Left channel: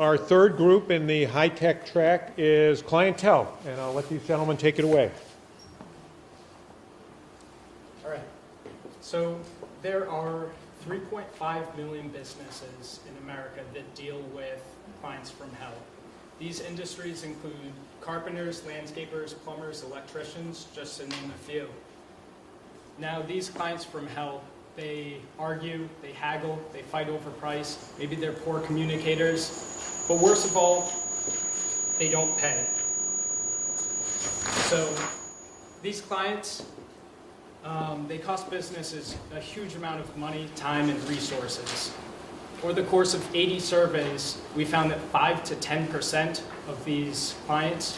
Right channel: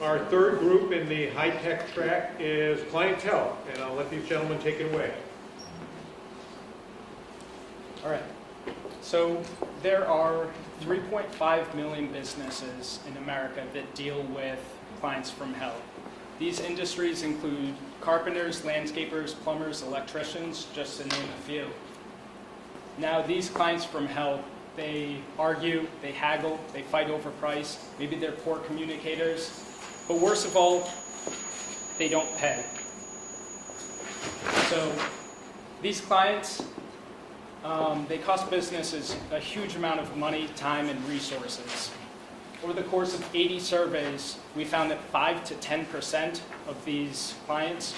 Our third group in the high-tech track is clientele, and I'll let these gentlemen take it away. All right. So there are 3.5 million businesses in America that deal with clients from hell. These industries include carpenters, landscapers, plumbers, electricians, just to name a few. Now, these clients from hell, they argue, they haggle, they fight over price. Maybe they're poor communicators. But worst of all, they don't pay. So these clients, they cost businesses a huge amount of money, time, and resources. Over the course of 80 surveys, we found that 5 to 10% of these clients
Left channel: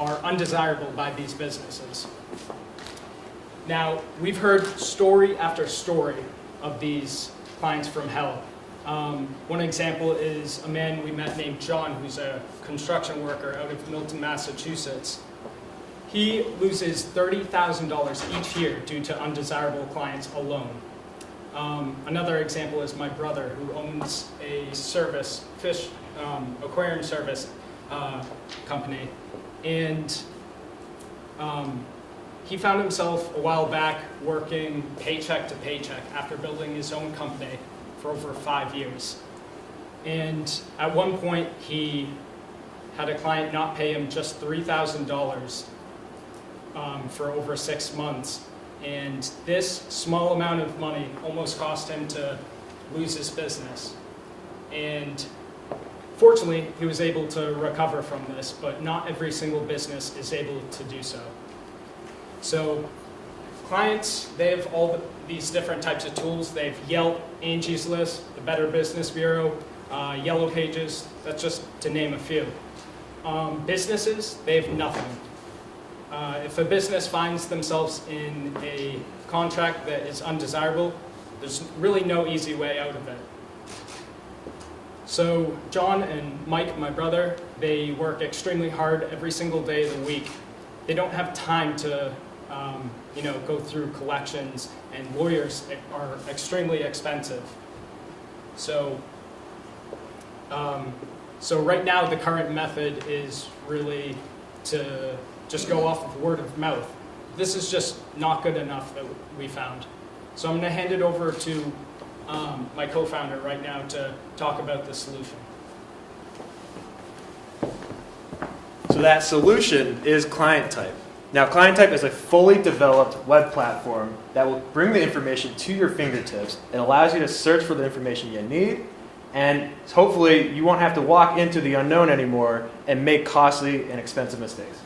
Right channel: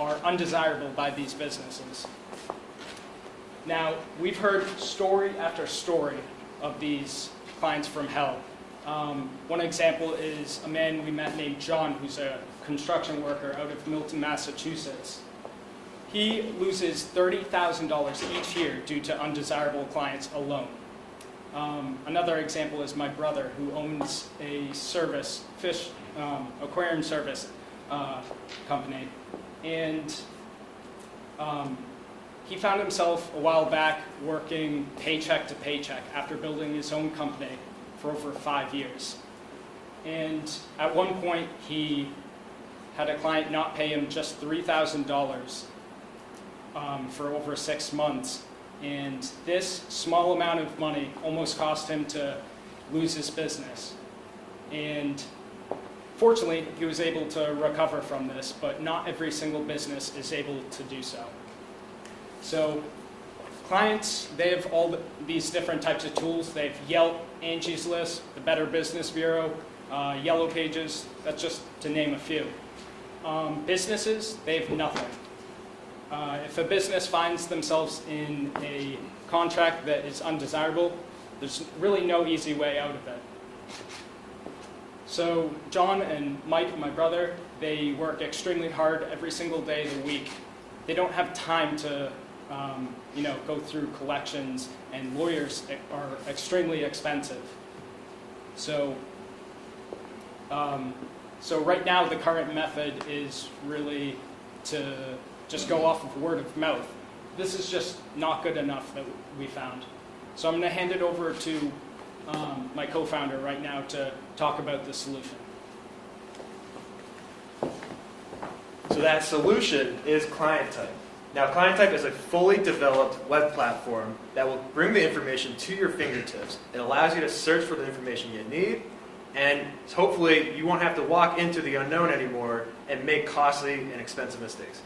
are undesirable by these businesses. Now, we've heard story after story of these clients from hell. One example is a man we met named John, who's a construction worker out of Milton, Massachusetts. He loses $30,000 each year due to undesirable clients alone. Another example is my brother, who owns a fish aquarium service company. And he found himself a while back working paycheck to paycheck after building his own company for over 5 years. And at one point, he had a client not pay him just $3,000 for over 6 months. And this small amount of money almost cost him to lose his business. And fortunately, he was able to recover from this, but not every single business is able to do so. So clients, they have all these different types of tools. They have Yelp, Angie's List, the Better Business Bureau, Yellow Pages, that's just to name a few. Businesses, they have nothing. If a business finds themselves in a contract that is undesirable, there's really no easy way out of it. So John and Mike, my brother, they work extremely hard every single day of the week. They don't have time to go through collections, and lawyers are extremely expensive. So right now the current method is really to just go off of word of mouth. This is just not good enough, that we found. So I'm going to hand it over to my co-founder right now to talk about the solution. So that solution is Clientype. Now, Clientype is a fully developed web platform that will bring the information to your fingertips. It allows you to search for the information you need, and hopefully you won't have to walk into the unknown anymore and make costly and expensive mistakes.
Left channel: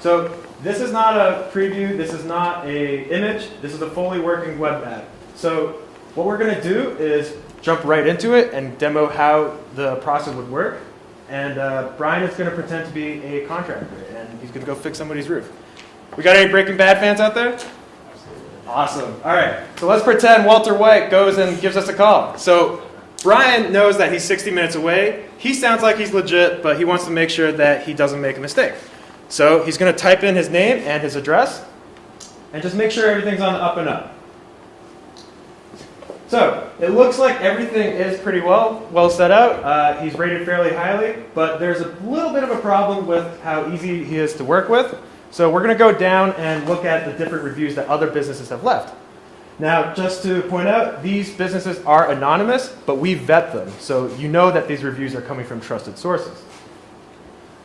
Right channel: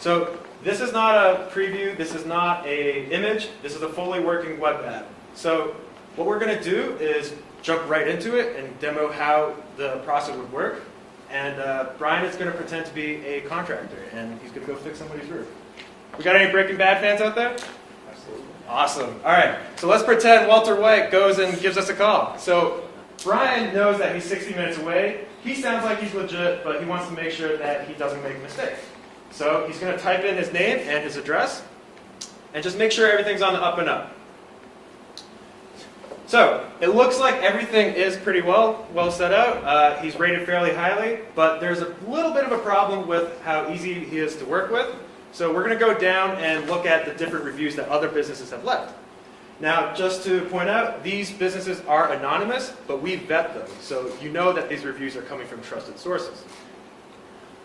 So this is not a preview, this is not an image, this is a fully working web app. So what we're going to do is jump right into it and demo how the process would work. And Brian is going to pretend to be a contractor, and he's going to go fix somebody's roof. We got any Breaking Bad fans out there? Awesome. All right, so let's pretend Walter White goes and gives us a call. So Brian knows that he's 60 minutes away. He sounds like he's legit, but he wants to make sure that he doesn't make a mistake. So he's going to type in his name and his address, and just make sure everything's on the up and up. So it looks like everything is pretty well set out. He's rated fairly highly, but there's a little bit of a problem with how easy he is to work with. So we're going to go down and look at the different reviews that other businesses have left. Now, just to point out, these businesses are anonymous, but we vet them, so you know that these reviews are coming from trusted sources.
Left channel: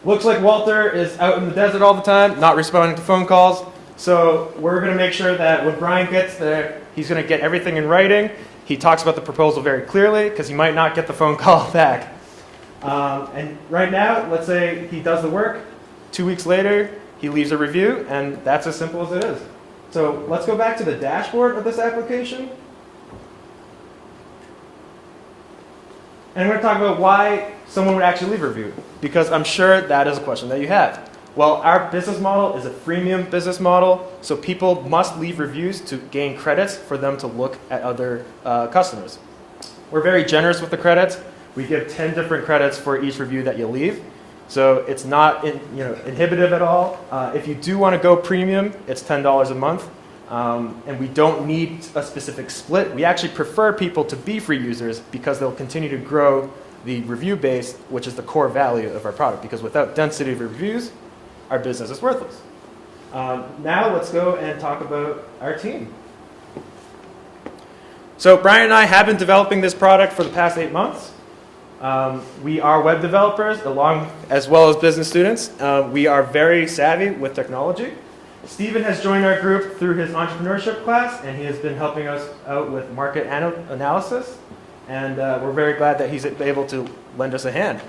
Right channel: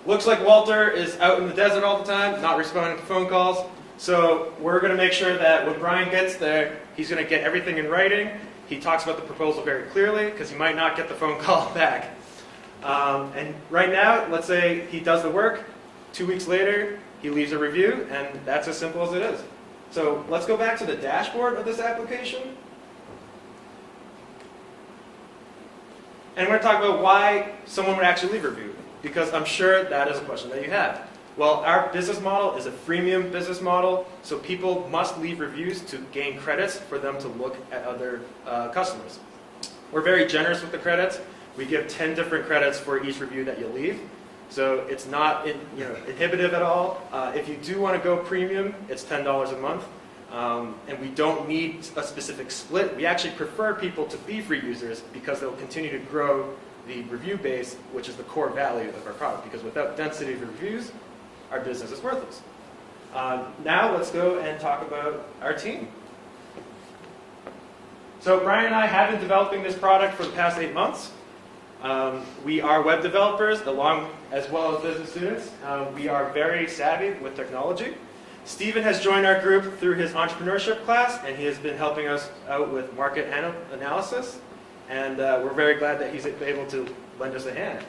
Looks like Walter is out in the desert all the time, not responding to phone calls. So we're going to make sure that when Brian gets there, he's going to get everything in writing. He talks about the proposal very clearly, because he might not get the phone call back. And right now, let's say he does the work. 2 weeks later, he leaves a review, and that's as simple as it is. So let's go back to the dashboard of this application. And we're going to talk about why someone would actually leave a review, because I'm sure that is a question that you have. Well, our business model is a freemium business model, so people must leave reviews to gain credits for them to look at other customers. We're very generous with the credits. We give 10 different credits for each review that you leave. So it's not inhibitive at all. If you do want to go premium, it's $10 a month. And we don't need a specific split. We actually prefer people to be free users because they'll continue to grow the review base, which is the core value of our product, because without density of reviews, our business is worthless. Now let's go and talk about our team. So Brian and I have been developing this product for the past 8 months. We are web developers as well as business students. We are very savvy with technology. Steven has joined our group through his entrepreneurship class, and he has been helping us out with market analysis. And we're very glad that he's able to lend us a hand.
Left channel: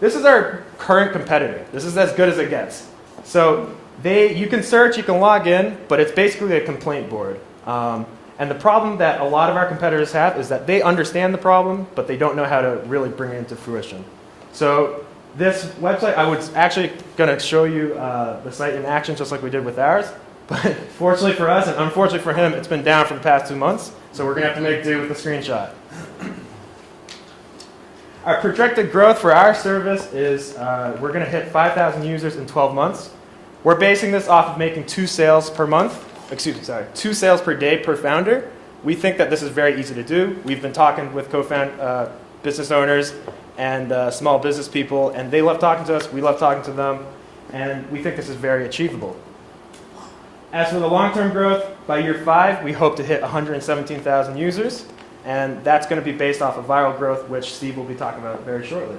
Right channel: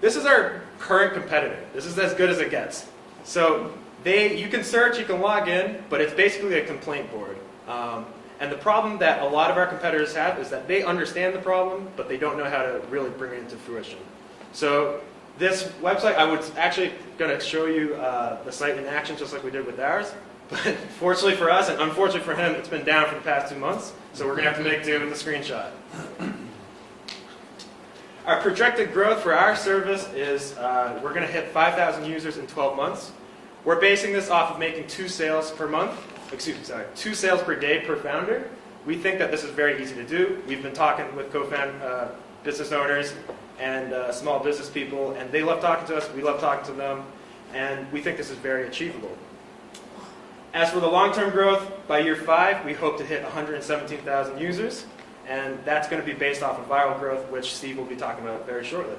This is our current competitor. This is as good as it gets. So you can search, you can log in, but it's basically a complaint board. And the problem that a lot of our competitors have is that they understand the problem, but they don't know how to really bring it into fruition. So this website, I was actually going to show you the site in action just like we did with ours. But fortunately for us, and unfortunately for him, it's been down for the past 2 months. So we're going to have to make do with the screenshot. Our projected growth for our service is we're going to hit 5,000 users in 12 months. We're basing this off of making 2 sales per month. 2 sales per day per founder. We think that this is very easy to do. We've been talking with business owners and small business people, and they love talking to us. We love talking to them, and we think this is very achievable. As for the long-term growth, by year 5, we hope to hit 117,000 users, and that's going to be based off of viral growth, which Steve will be talking about very shortly.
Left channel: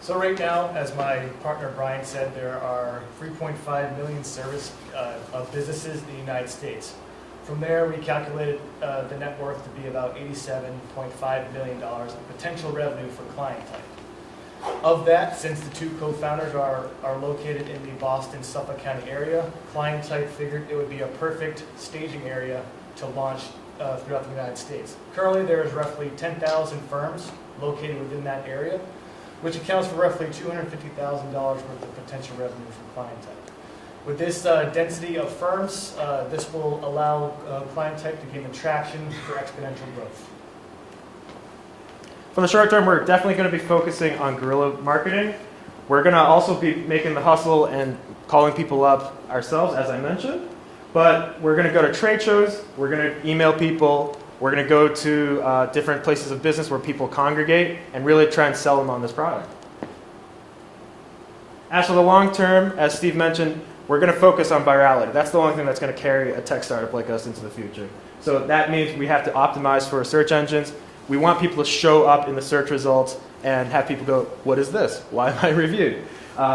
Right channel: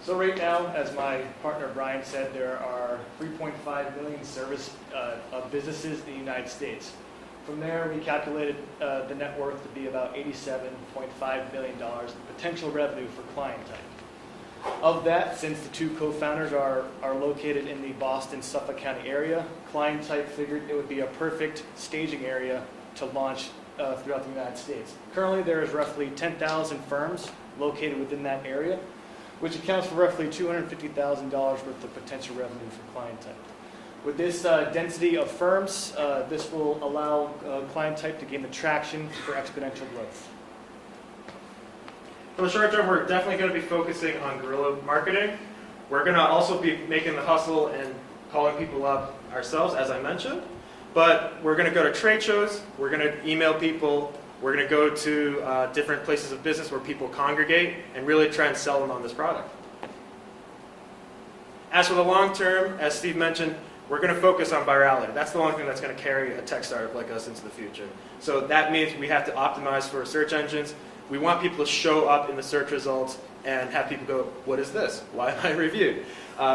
So right now, as my partner Brian said, there are 3.5 million service of businesses in the United States. From there, we calculated the net worth to be about $87.5 million in potential revenue for Clientype. Of that, since the 2 co-founders are located in the Boston-Suffolk County area, Clientype figured it would be a perfect staging area to launch throughout the United States. Currently, there is roughly 10,000 firms located within that area, which accounts for roughly $250,000 worth of potential revenue from Clientype. With this density of firms, this will allow Clientype to gain traction for exponential growth. For the short term, we're definitely going to be focusing on guerrilla marketing. We're going to also be making the hustle and calling people up ourselves, as I mentioned. But we're going to go to trade shows, we're going to email people, we're going to go to different places of business where people congregate and really try and sell them on this product. As for the long term, as Steve mentioned, we're going to focus on virality. That's the only thing that's going to carry a tech startup like us into the future. So that means we have to optimize for search engines. We want people to show up in the search results and have people go, what is this? Why am I reviewed?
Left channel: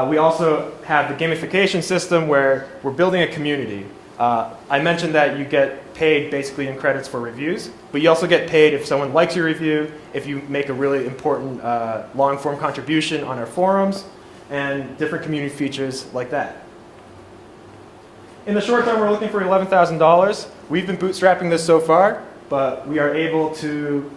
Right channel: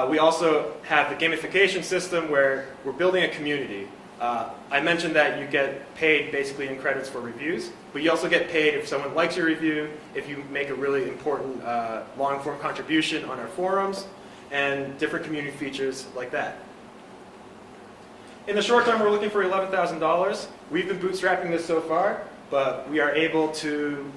We also have the gamification system where we're building a community. I mentioned that you get paid basically in credits for reviews, but you also get paid if someone likes your review, if you make a really important long-form contribution on our forums, and different community features like that. In the short term, we're looking for $11,000. We've been bootstrapping this so far, but we are able to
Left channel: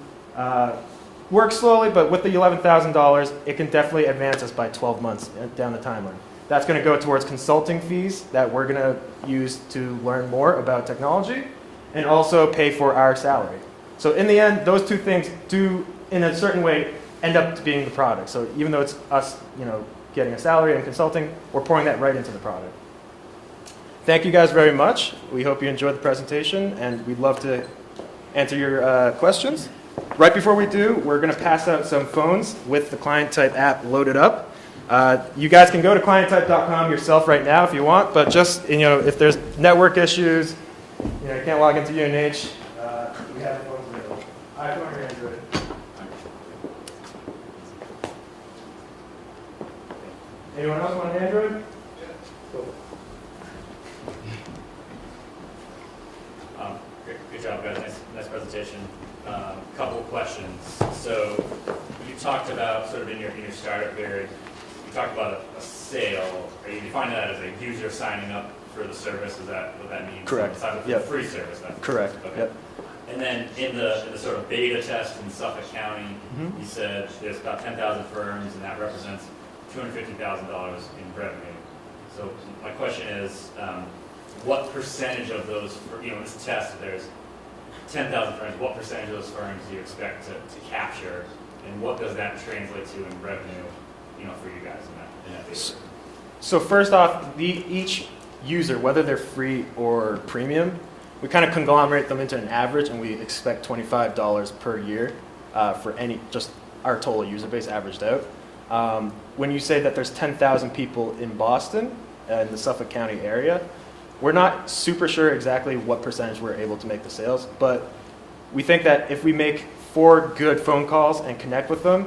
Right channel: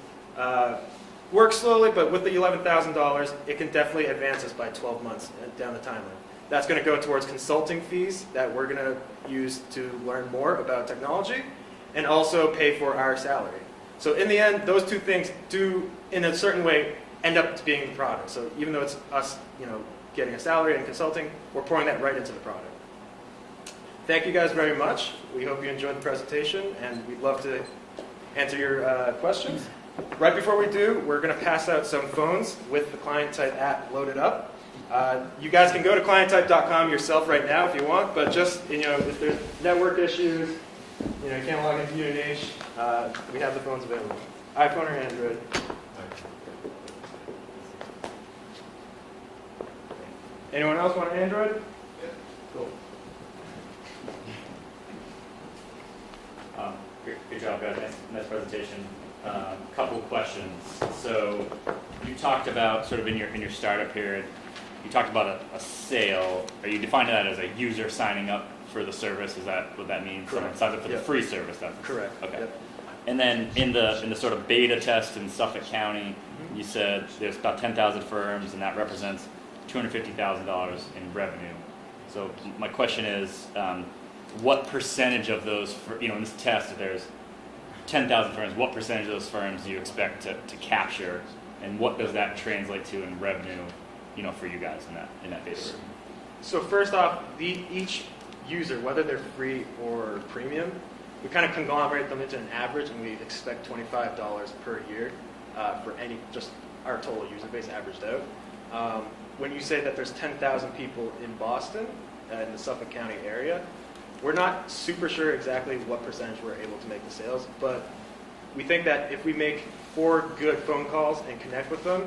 work slowly, but with the $11,000, it can definitely advance us by 12 months down the timeline. That's going to go towards consulting fees that we're going to use to learn more about technology and also pay for our salary. So in the end, those 2 things do, in a certain way, end up being the product. So even though it's us, getting a salary and consulting, we're pouring that right into the product. Thank you guys very much. We hope you enjoyed the presentation, and we'd love to answer your questions. Right before we do, we're going to pass out some phones with the Clientype app loaded up. You guys can go to clientype.com yourself right now if you want, but just, if there's network issues, you can't log into UNH, we have the phones available. iPhone or Android? Anyone else want an Android? Yeah. Cool. Great job, guys. Nice presentation. Couple of questions. So you talked about sort of in your startup period, you talked about a sale. Are you defining that as a user signing up for the service? Is that what that means? Correct. Signing up for the free service then? Correct. Okay. Yep. And then in the sort of beta test in Suffolk County, you said there's about 10,000 firms, and that represents $250,000 in revenue. So my question is, what percentage of those, in this test, if there's 10,000 firms, what percentage of those firms do you expect to capture, and what does that translate to in revenue, for you guys in that beta? So first off, each user, whether they're free or premium, we kind of conglomerate them into an average, and we expect $25 per year for just our total user base averaged out. When you say that there's 10,000 people in Boston and the Suffolk County area, we're not super sure exactly what percentage we're able to make the sales, but we think that if we make 4 good phone calls and connect with them,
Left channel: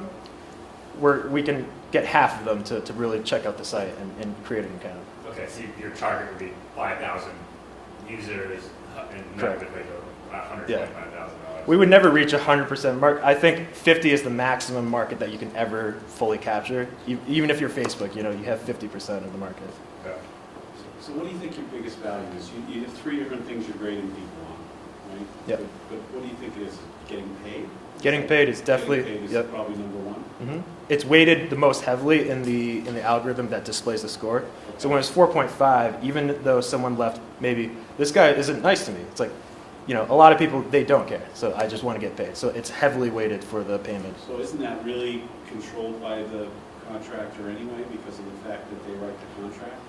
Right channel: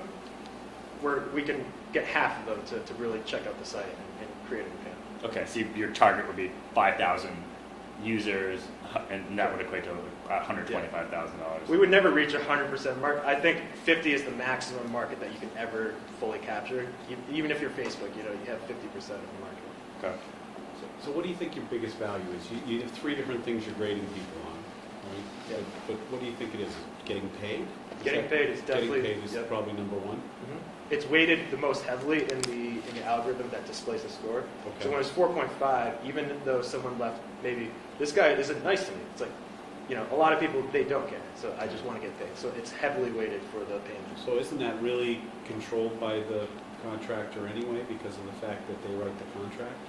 we can get half of them to really check out the site and create an account. Okay, so your target would be 5,000 users, and that would equate to $125,000. We would never reach 100% market. I think 50 is the maximum market that you can ever fully capture. Even if you're Facebook, you have 50% of the market. Okay. So what do you think your biggest value is? You have 3 different things you're grading people on, right? Yep. But what do you think it is? Getting paid? Getting paid is definitely Getting paid is probably number 1. It's weighted the most heavily in the algorithm that displays the score. So when it's 4.5, even though someone left, maybe this guy isn't nice to me. It's like, a lot of people, they don't care. So I just want to get paid. So it's heavily weighted for the payment. So isn't that really controlled by the contractor anyway because of the fact that they write the contract?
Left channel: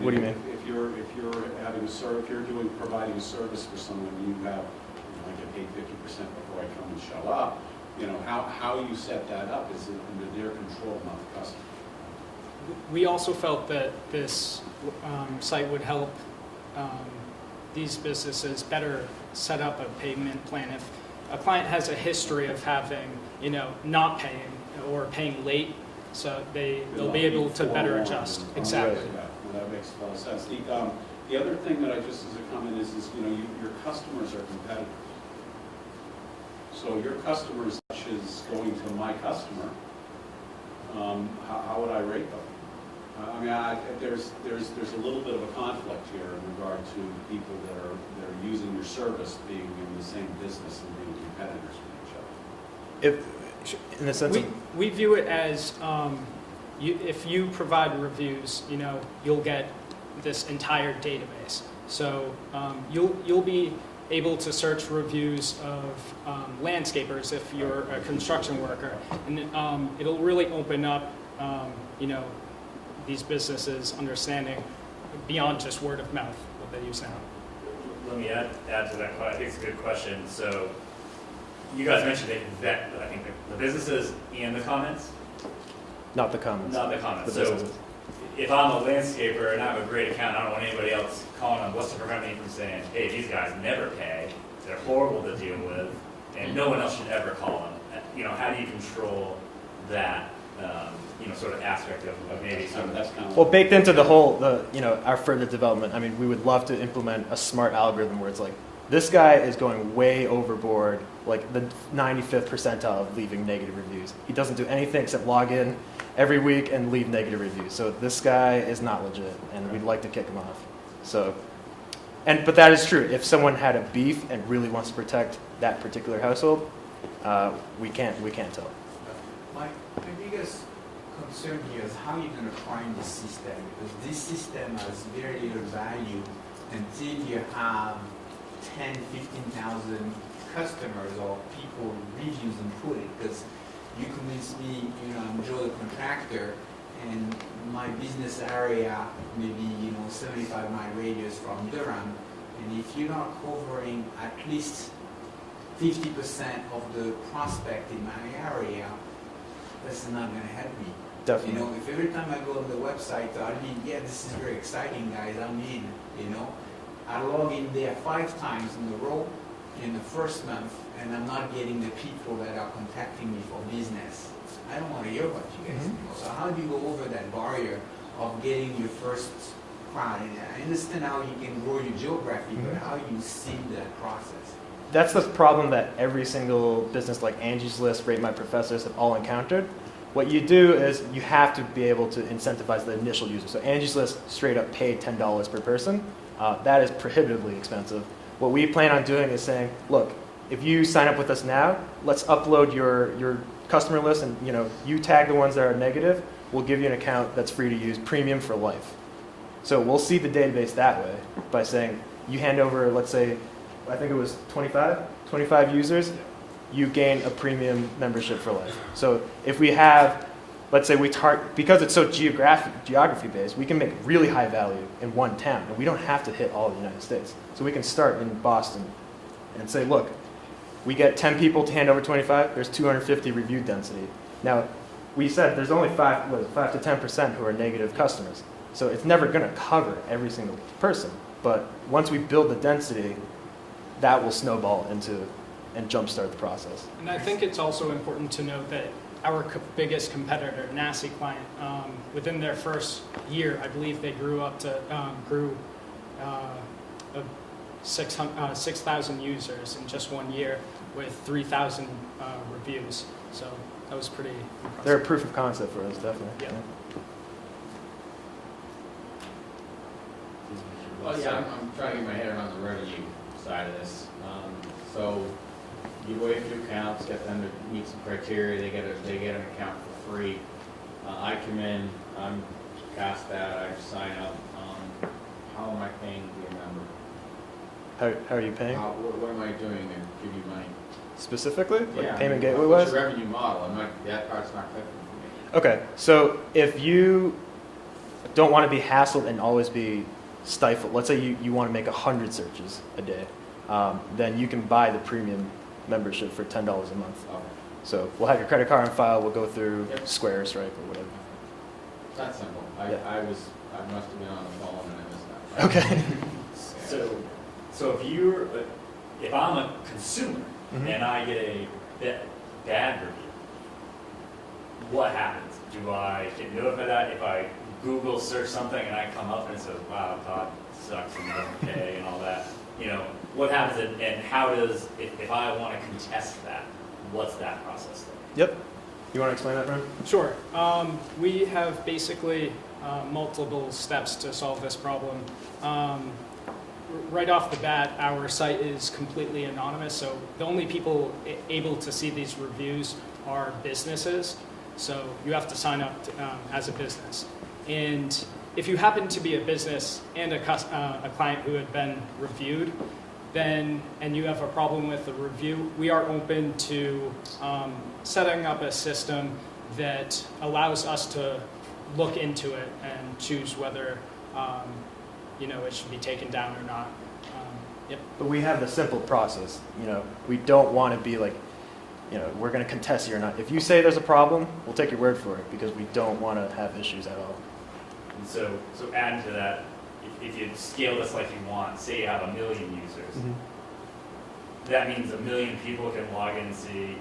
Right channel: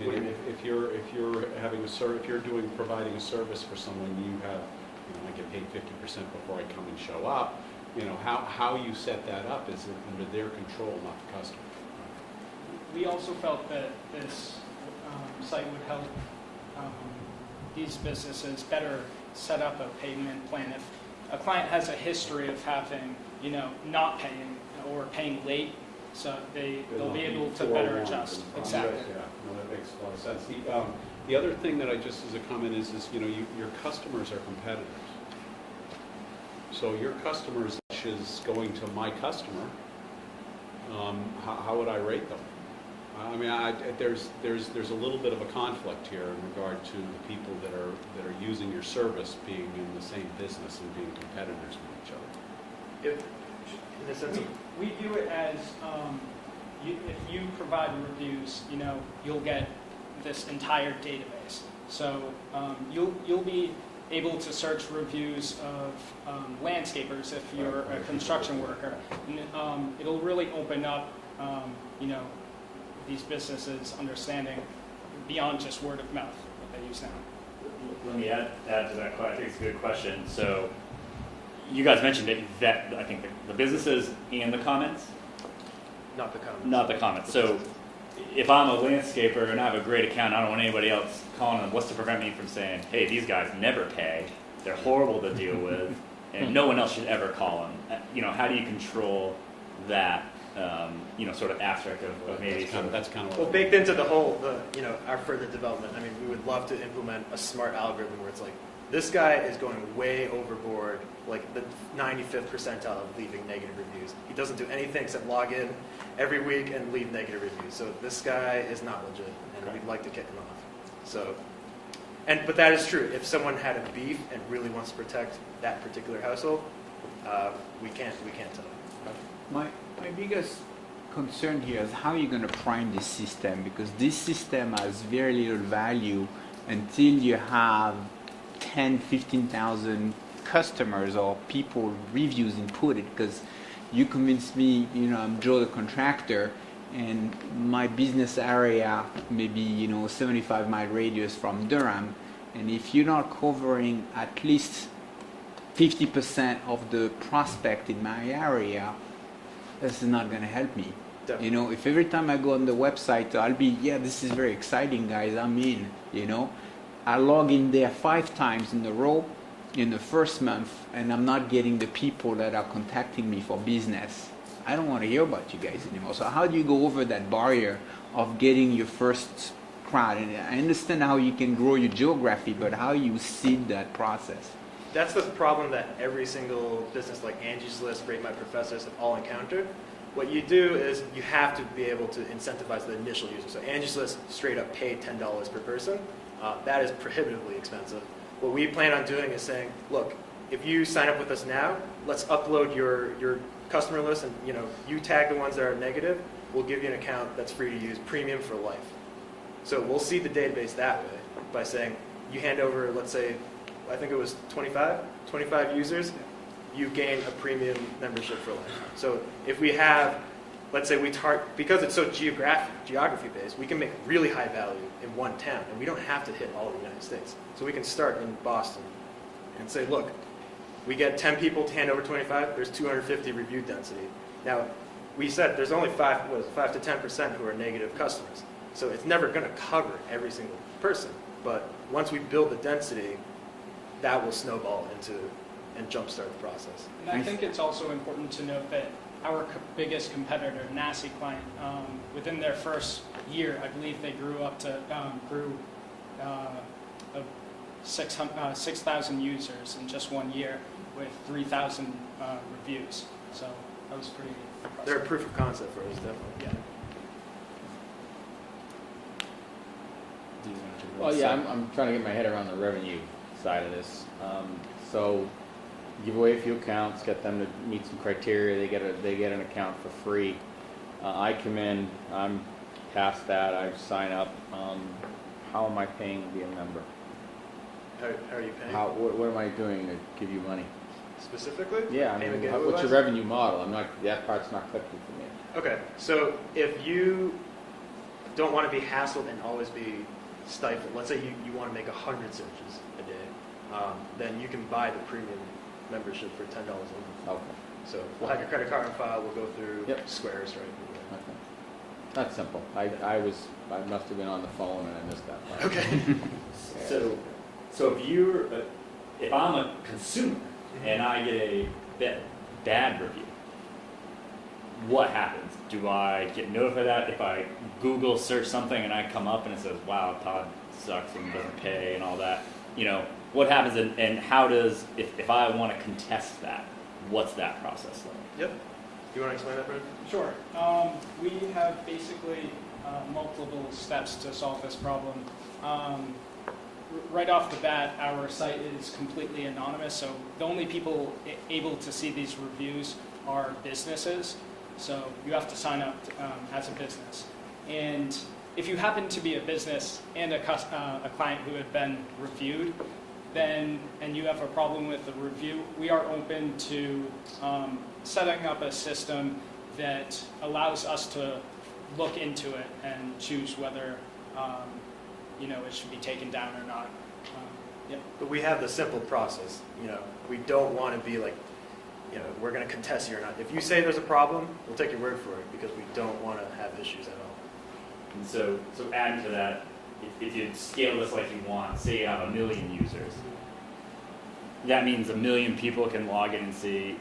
What do you mean? If you're having if you're providing a service for someone, you have, I get paid 50% before I come and show up. How you set that up is under their control, not the customer. We also felt that this site would help these businesses better set up a payment plan. If a client has a history of having, not paying or paying late, so they'll be able to better adjust. Exactly. Yeah, well, that makes a lot of sense. The other thing that I just as a comment is your customers are competitors. So your customers is going to my customer. How would I rate them? I mean, there's a little bit of a conflict here in regard to the people that are using your service being in the same business and being competitors with each other. In the sense we view it as if you provide reviews, you'll get this entire database. So you'll be able to search reviews of landscapers if you're a construction worker, and it'll really open up, these businesses understanding beyond just word of mouth what they use now. Let me add to that. I think it's a good question. So you guys mentioned that I think the businesses and the comments. Not the comments. Not the comments. The So businesses. if I'm a landscaper and I have a great account, I don't want anybody else calling them. What's to prevent me from saying, hey, these guys never pay, they're horrible to deal with, and no one else should ever call them? How do you control that, sort of aspect of maybe some of That's kind of Well, baked into the whole, our further development, I mean, we would love to implement a smart algorithm where it's like, this guy is going way overboard, like the 95th percentile of leaving negative reviews. He doesn't do anything except log in every week and leave negative reviews. So this guy is not legit, and we'd like to kick him off. So, but that is true. If someone had a beef and really wants to protect that particular household, we can't tell. My biggest concern here is how you're going to prime this system, because this system has very little value until you have 10, 15,000 customers or people reviews inputted. Because you convinced me, I'm Joe the contractor, and my business area maybe 75-mile radius from Durham, and if you're not covering at least 50% of the prospect in my area, this is not going to help me. Definitely. If every time I go on the website, I'll be, this is very exciting, guys, I'm in, I log in there 5 times in a row in the first month, and I'm not getting the people that are contacting me for business. I don't want to hear about you guys anymore. So how do you go over that barrier of getting your first crowd? And I understand how you can grow your geography, but how you seed that process? That's the problem that every single business like Angie's List, Rate My Professors have all encountered. What you do is you have to be able to incentivize the initial user. So Angie's List straight up pay $10 per person. That is prohibitively expensive. What we plan on doing is saying, look, if you sign up with us now, let's upload your customer list, and you tag the ones that are negative. We'll give you an account that's free to use, premium for life. So we'll see the database that way by saying you hand over, let's say, I think it was 25 users, you gain a premium membership for life. So if we have let's say because it's so geography based, we can make really high value in one town, and we don't have to hit all of the United States. So we can start in Boston and say, look, we get 10 people to hand over 25, there's 250 review density. Now, we said there's only 5 to 10% who are negative customers. So it's never going to cover every single person. But once we build the density, that will snowball into and jumpstart the process. And I think it's also important to note that our biggest competitor, Nasty Client, within their first year, I believe they grew 6,000 users in just 1 year with 3,000 reviews. So that was pretty impressive. They're a proof of concept for us, definitely. Yeah. Well, yeah, I'm trying to get my head around the revenue side of this. So you weigh a few accounts, get them to meet some criteria, they get an account for free. I come in, I'm past that, I sign up. How am I paying to be a member? How are you paying? What am I doing to give you money? Specifically? Yeah, Like payment gateway what's wise? your revenue model? That part's not clicking for me. Okay, so if you don't want to be hassled and always be stifled, let's say you want to make 100 searches a day, then you can buy the premium membership for $10 a month. Okay, So we'll have your credit card on file, we'll go through Yep. Square, Stripe, or whatever. that's simple. I must have been on the phone and I missed that. Okay. So if I'm a consumer Mhm. and I get a bad review, what happens? Do I get notified that if I Google search something and I come up and it says, wow, Todd sucks and doesn't pay and all that, what happens and how does, if I want to contest that, what's that process like? Yep. You want to explain that, Ryan? Sure. We have basically multiple steps to solve this problem. Right off the bat, our site is completely anonymous, so the only people able to see these reviews are businesses. So you have to sign up as a business. And if you happen to be a business and a client who had been reviewed, and you have a problem with the review, we are open to setting up a system that allows us to look into it and choose whether it should be taken down or not. But we have the simple process. We don't want to be like, we're going to contest you or not. If you say there's a problem, we'll take your word for it because we don't want to have issues at all. And so adding to that, if you scale this like you want, say you have 1 million users, that means 1 million people can log in and see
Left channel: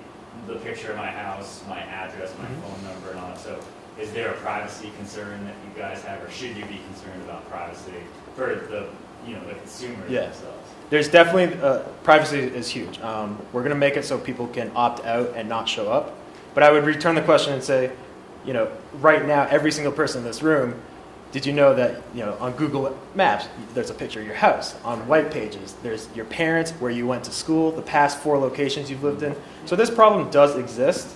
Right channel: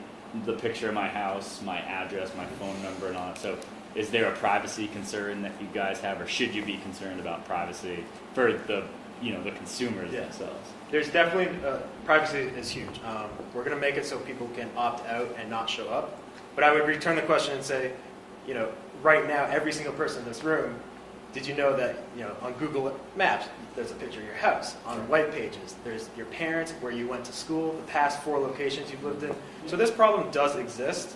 the picture of my house, my address, my phone number, and all that. So is there a privacy concern that you guys have, or should you be concerned about privacy for the consumers Yeah. themselves? There's definitely, privacy is huge. We're going to make it so people can opt out and not show up. But I would return the question and say, right now, every single person in this room, did you know that, on Google Maps, there's a picture of your house. On white pages, there's your parents, where you went to school, the past 4 locations you've lived in. So this problem does exist,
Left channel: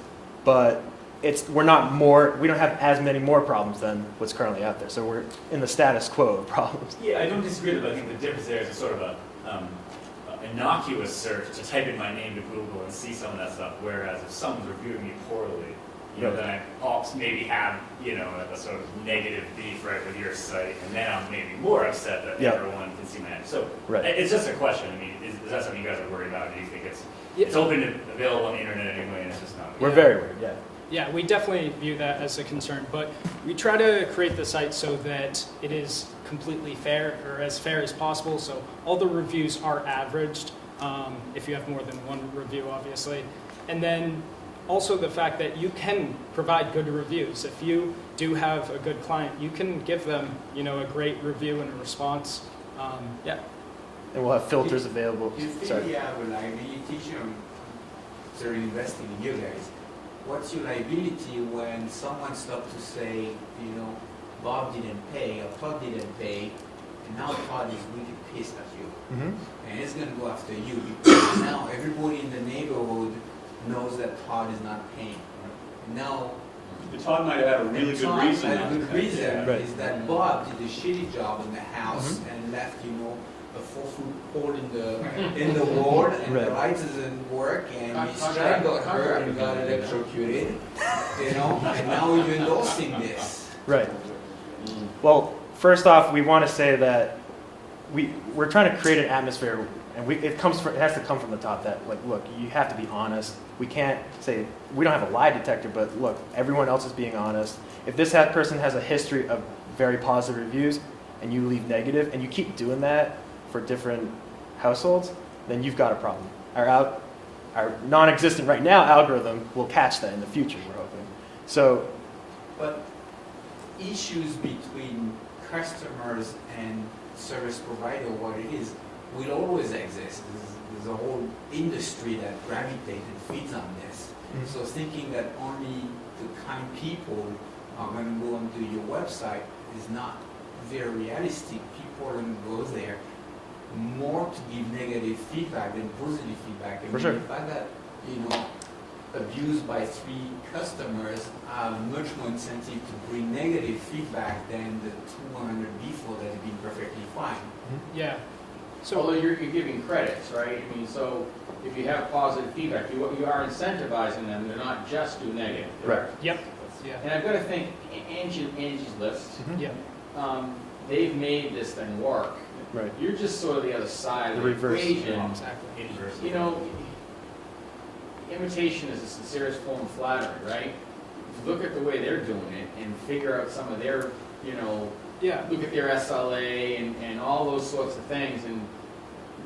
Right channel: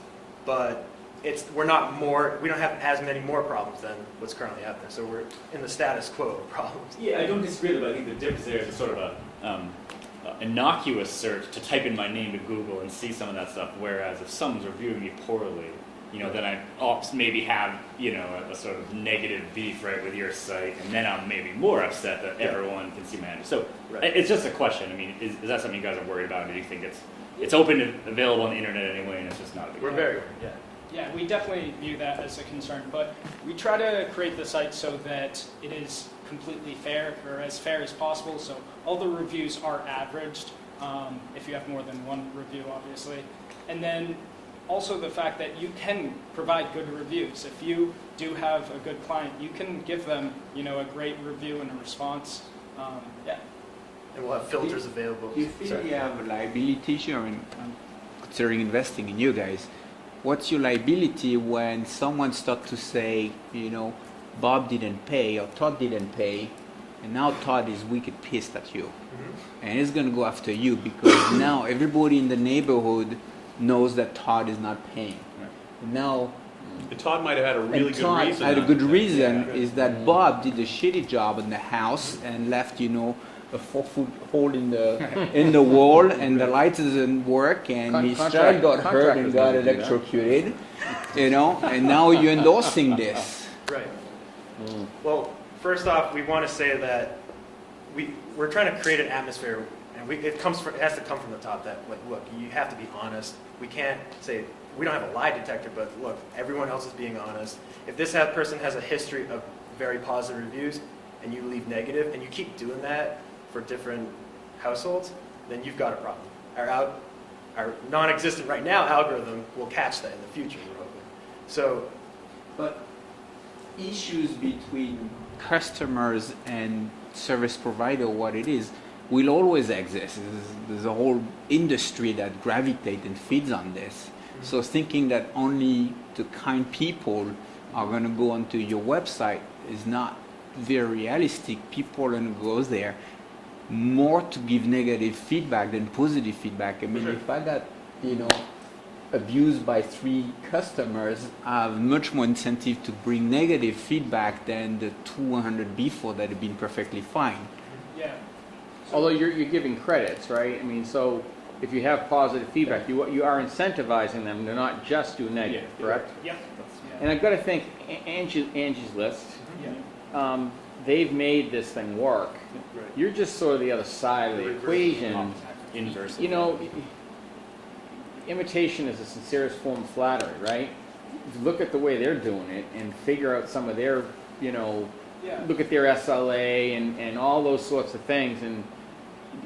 but we don't have as many more problems than what's currently out there. So we're in the status quo of problems. Yeah, I don't disagree, but I think the difference there is a sort of a innocuous search to type in my name to Google and see some of that stuff. Whereas if someone's reviewing me poorly, then I maybe have a sort of negative beef right with your site, and then I'm maybe more upset that everyone can see my name. So it's just a question. I mean, is that something you guys are worried about? Or do you think it's open and available on the internet anyway, and it's just not? We're very worried. Yeah. Yeah, we definitely view that as a concern, but we try to create the site so that it is completely fair, or as fair as possible, so all the reviews are averaged, if you have more than 1 review, obviously. And then also the fact that you can provide good reviews. If you do have a good client, you can give them, a great review and a response. And we'll have filters available. You think you have a liability issue? I mean, considering investing in you guys, what's your liability when someone starts to say, Bob didn't pay or Todd didn't pay, and now Todd is wicked pissed at you, and he's gonna go after you because now everybody in the neighborhood knows that Todd is not paying. Now, But Todd might have had a really and good Todd reason. had a not good to pay. reason Yeah. is that Bob did a shitty job in the house and left, a 4-foot hole in the wall, and the light doesn't work, and his child got hurt and got electrocuted, you know, and now you're endorsing this. Right. Well, first off, we want to say that we're trying to create an atmosphere, and it has to come from the top. That, like, look, you have to be honest. We can't say we don't have a lie detector, but look, everyone else is being honest. If this person has a history of very positive reviews, and you leave negative, and you keep doing that for different households, then you've got a problem. Our non-existent right now algorithm will catch that in the future, we're hoping. So, But issues between customers and service provider, what it is, will always exist. There's a whole industry that gravitates and feeds on this. Mhm. So thinking that only the kind people are going to go onto your website is not very realistic. People are going to go there more to give negative feedback than positive feedback. I mean, sure. if I got, abused by 3 customers, I have much more incentive to bring negative feedback than the 200 before that have been perfectly fine. Yeah. Although you're giving credits, right? I mean, so if you have positive feedback, you are incentivizing them to not just do negative. correct. Yep. Yeah. And I've got to think, Angie's List, Yeah. they've made this thing work. Right. You're just sort of the other side of The the reverse. equation. Exactly. Inverse. You know, imitation is the sincerest form of flattery, right? Look at the way they're doing it and figure out some of their, Yeah. look at their SLA and all those sorts of things, and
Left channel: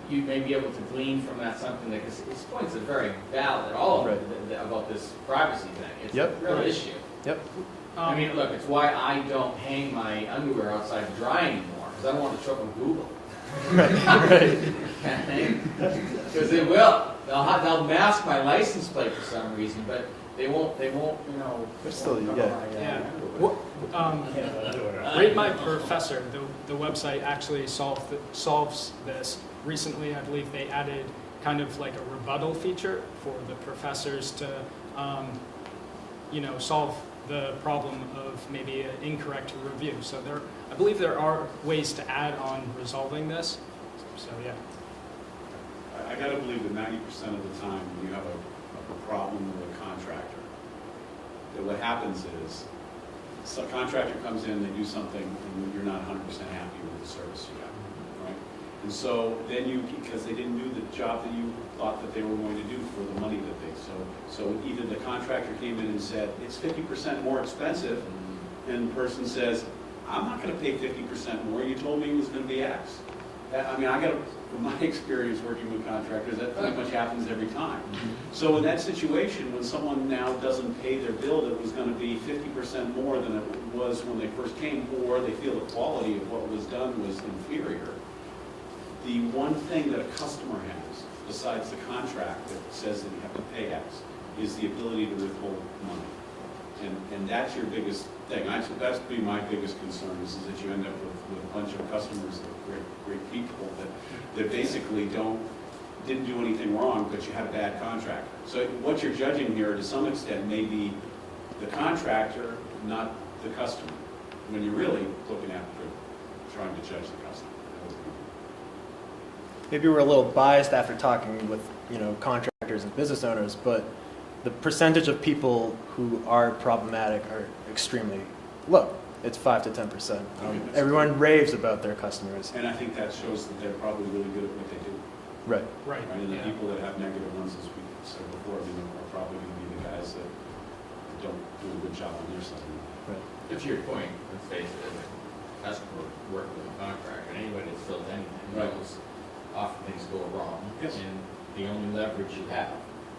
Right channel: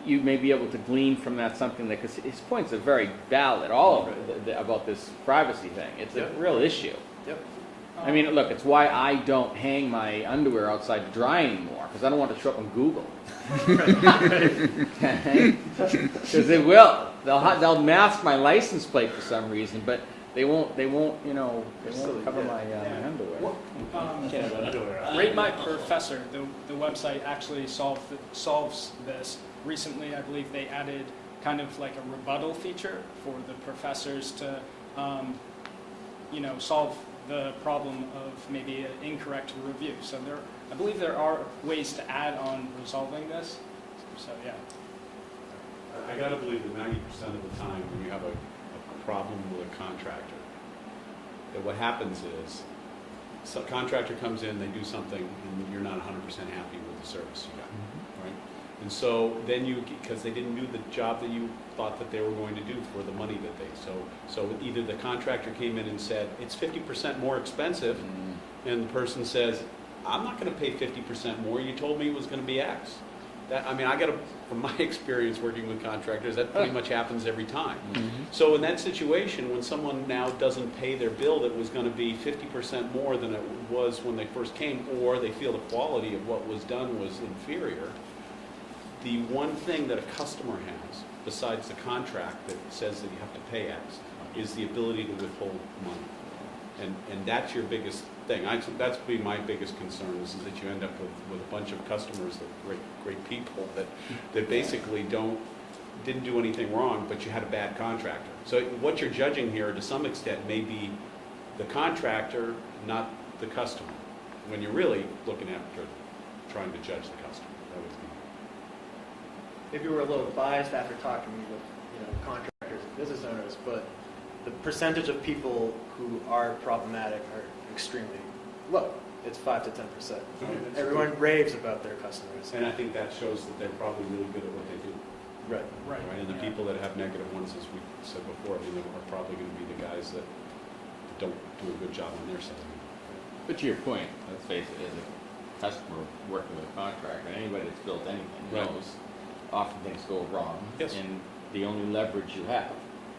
you may be able to glean from that something that, because his points are very valid, all of it, about this privacy thing. It's Yep. a real issue. Yep. I mean, look, it's why I don't hang my underwear outside to dry anymore, because I don't want it to show up on Google. Because they will. They'll mask my license plate for some reason, but they won't Still, cover yeah. my Yeah. underwear. What, Underwear. Rate My Professor, the website actually solves this. Recently, I believe they added kind of like a rebuttal feature for the professors to, solve the problem of maybe an incorrect review. So I believe there are ways to add on resolving this. So yeah. I gotta believe that 90% of the time when you have a problem with a contractor, that what happens is, a contractor comes in, they do something, and you're not 100% happy with the service you got, right? And so then because they didn't do the job that you thought that they were going to do for the money that so either the contractor came in and said, it's 50% more expensive, and the person says, I'm not gonna pay 50% more, you told me it was gonna be X. From my experience working with contractors, that pretty much happens every time. So in that situation, when someone now doesn't pay their bill that was going to be 50% more than it was when they first came, or they feel the quality of what was done was inferior, the one thing that a customer has, besides the contract that says that you have to pay X, is the ability to withhold money. And that's your biggest thing. That's been my biggest concern, is that you end up with a bunch of customers, great people that basically didn't do anything wrong, but you had a bad contractor. So what you're judging here, to some extent, may be the contractor, not the customer, when you're really looking after trying to judge the customer. Maybe we're a little biased after talking with contractors and business owners, but the percentage of people who are problematic are extremely low. It's 5 to 10%. Everyone raves about their customers. And I think that shows that they're probably really good at what they do. Right. Right. And the people that have negative ones, as we said before, are probably going to be the guys that don't do a good job on their side. But to your point, let's face it, as a customer working with a contractor, anybody that's built anything knows often things go wrong. Yes. And the only leverage you have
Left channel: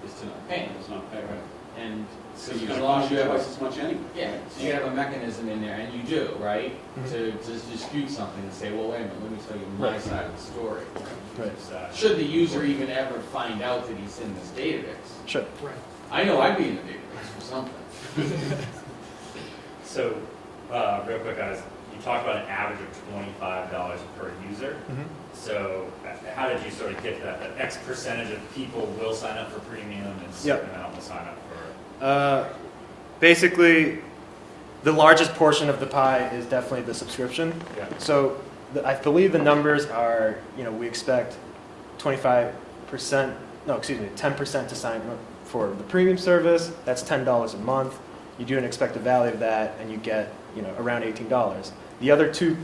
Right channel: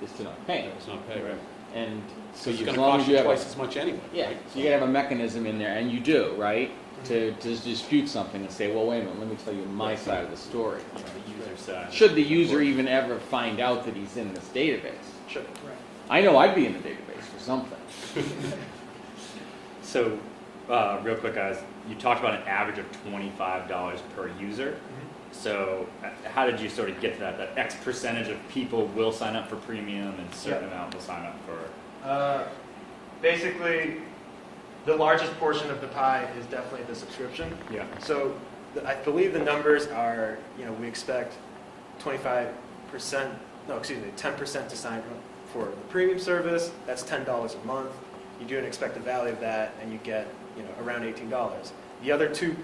is to not pay. It's not bad, right? And so It's you, going as to long cost as you you have twice as much anyway. yeah, so you gotta have a mechanism in there, and you do, right? Mhm. To dispute something and say, well, wait a minute, let me tell you my Right. side of the story. Right. Should the user even ever find out that he's in this database? Should. Right. I know I'd be in the database for something. So, real quick, guys, you talked about an average of $25 per user. So, how did you sort of get to that? That X percentage of people will sign up for premium and certain amount will sign up for. Basically, the largest portion of the pie is definitely the subscription. Yeah. So I believe the numbers are, we expect 25%, no, excuse me, 10% to sign up for the premium service. That's $10 a month. You do an expected value of that, and you get, around $18. The other two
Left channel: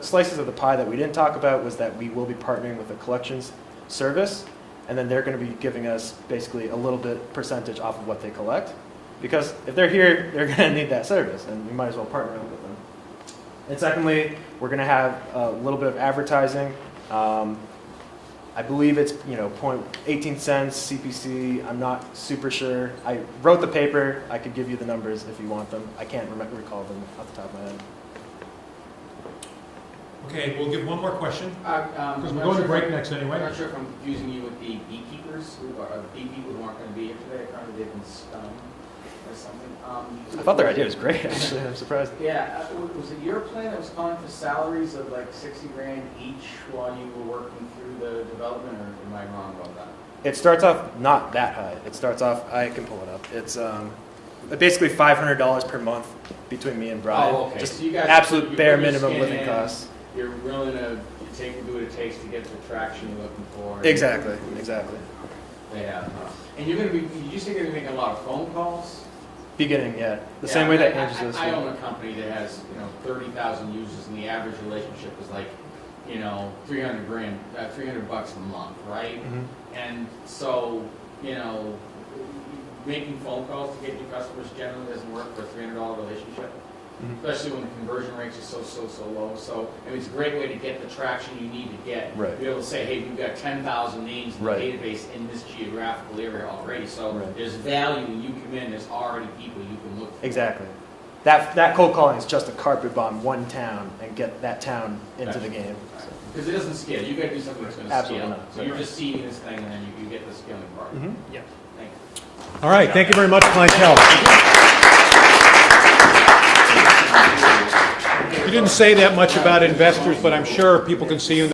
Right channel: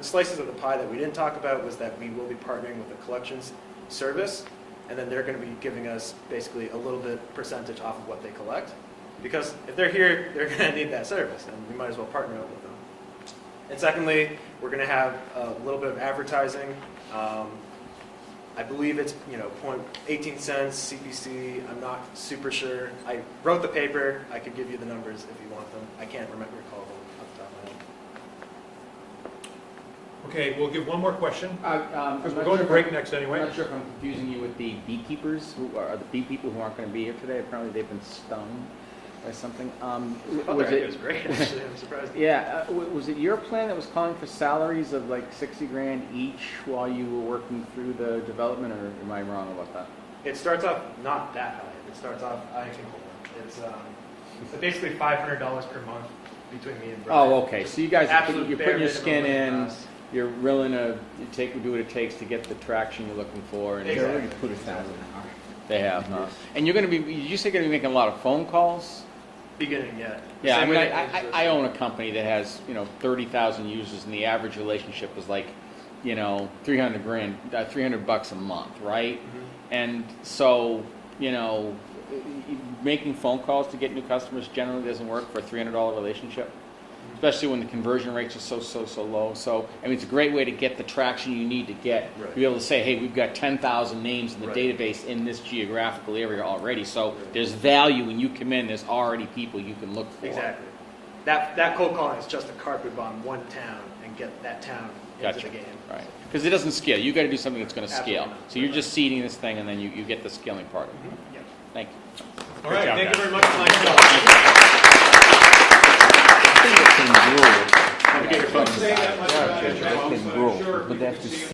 slices of the pie that we didn't talk about was that we will be partnering with a collections service, and then they're going to be giving us basically a little bit percentage off of what they collect. Because if they're here, they're going to need that service, and we might as well partner up with them. And secondly, we're going to have a little bit of advertising. I believe it's 18 cents CPC. I'm not super sure. I wrote the paper. I could give you the numbers if you want them. I can't recall them off the top of my head. Okay, we'll give one more question, I'm because we're not going to sure break if next I'm anyway. not sure if I'm confusing you with the beekeepers who are the bee people who aren't going to be here today. Apparently they've been stoned or something. I thought their idea was great, actually. I'm surprised. Yeah, was it your plan that was calling for salaries of like 60 grand each while you were working through the development, or am I wrong about that? It starts off not that high. It starts off, I can pull it up. It's basically $500 per month between me and Brian. Oh, okay. Just So you guys absolute you're bare putting your minimum skin living in, costs. You're willing to do what it takes to get the traction you're looking for. and Exactly, they're- exactly. They have. And you're going to be. You say you're going to be making a lot of phone calls. Beginning, yeah. The Yeah, same I, way mean, that Angie's I own a company that has 30,000 users, and the average relationship was like 300 grand, $300 a month, right? Mhm. And so making phone calls to get new customers generally doesn't work for a $300 relationship. Mhm. Especially when the conversion rates are so low. So, I mean, it's a great way to get the traction you need to get. Right. To be able to say, hey, we've got 10,000 names in the Right. database in this geographical area already. So Right. there's value when you come in. There's already people you can look for. Exactly. That cold calling is just a carpet bomb one town and get that town into Gotcha. the game. Right. So. Because it doesn't scale. You got to do something that's going to Absolutely scale. not. So you're just seeding this thing, and then you get the scaling part. Mhm. Thank you. All right, thank you very much, Clientele. You didn't say that much about investors, but I'm sure people can see you